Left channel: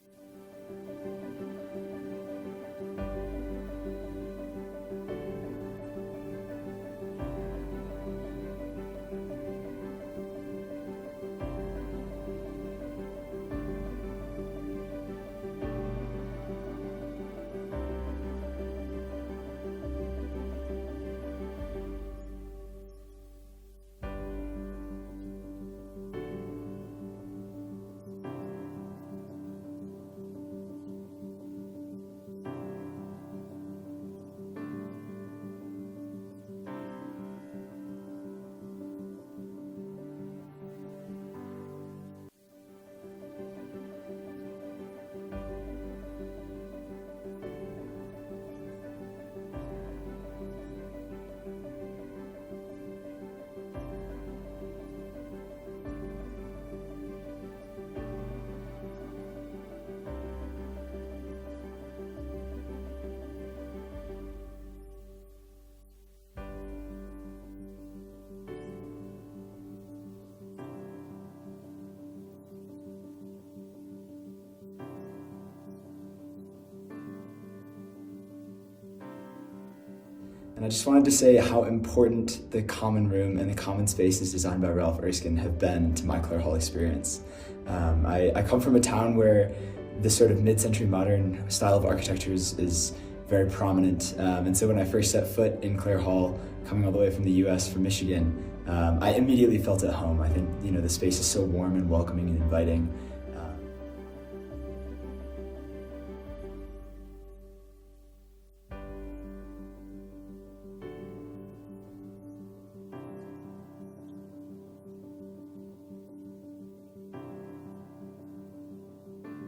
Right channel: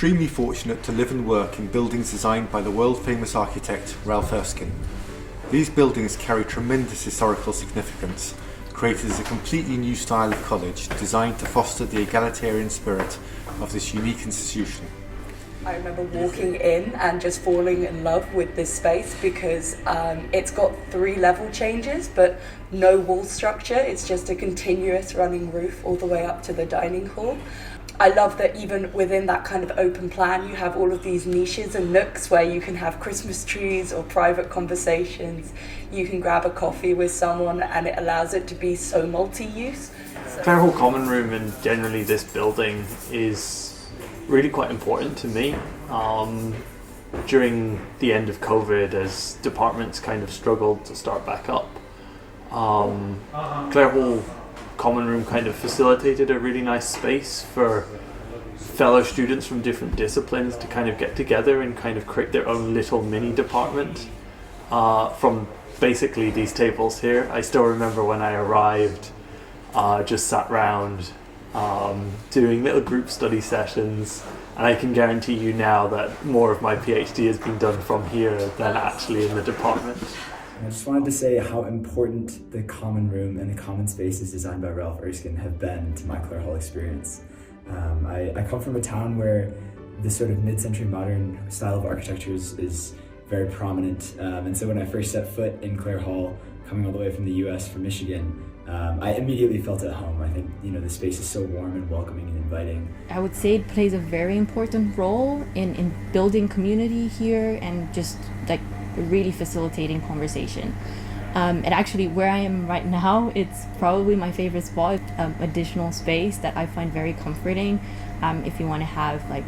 extremely fortunate to live and work in buildings designed by the world-famous architect Ralph Erskine. These buildings carry tremendous historical significance, created as a completely new style of college designed to foster the egalitarian spirit of this unique institution. I remember walking in and just falling in love with this space because it's got 3 level changes but no wall structure. It's just a continuous running roof all the way up to the dining hall. I love that even within that kind of open plan you have all of these niches and nooks where you can have Christmas trees or private conversations. You can grab a coffee with someone and it allows it to be so multi-use. Clare Hall Common Room and generally this building is really quite important to me. During the end of COVID, as departments kind of struggled to start back up, Clare Hall Common Room kind of facilitated a really nice space for fellow students from different disciplines to kind of get together and kind of create their own little mini department from basically these tables here. I still remember when I arrived, just sat round doing little group study sessions, and I can guarantee you now that more of my PhD has been done from here than actually in the department. And I just wanted to say how important the common room and the common spaces designed by Ralph Erskine have been to my Clare Hall experience. I come from a town where this sort of mid-century modern style of architecture is very prominent, and so when I first set foot in Clare Hall, coming all the way from the US, from Michigan, I immediately felt at home. I think, the space is so warm and welcoming and inviting. I would say it plays a very important role in building community here and just like really facilitating conversation. And actually where I am right now, it's probably my favorite spot, additional space that I find very comforting if you want to have like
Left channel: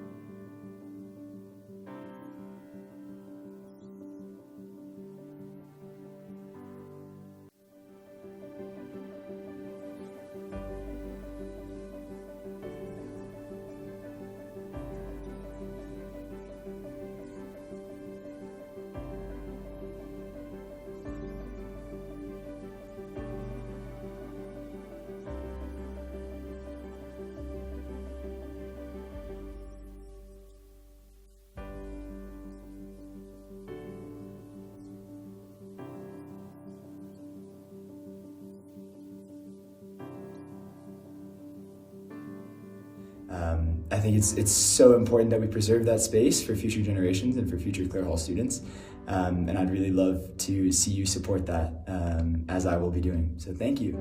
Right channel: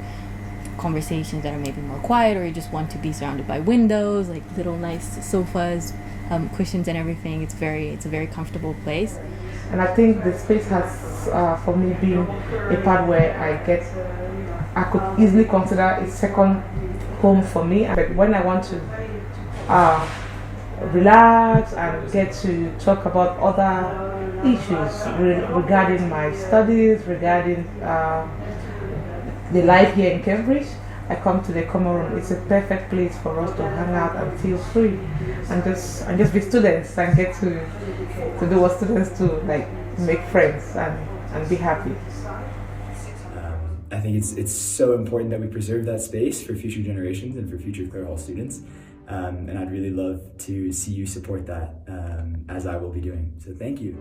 conversations that are maybe more quiet, or you just want to be surrounded by windows, like little nice sofas, cushions and everything. It's a very comfortable place. And I think the space has, for me, been a part where I could easily consider a second home for me. But when I want to relax and get to talk about other issues regarding my studies, regarding the life here in Cambridge, I come to the common room. It's a perfect place for us to hang out and feel free and just be students and get to do what students do, like make friends and be happy. I think it's so important that we preserve that space for future generations and for future Clare Hall students. And I'd really love to see you support that, as I will be doing. So thank you.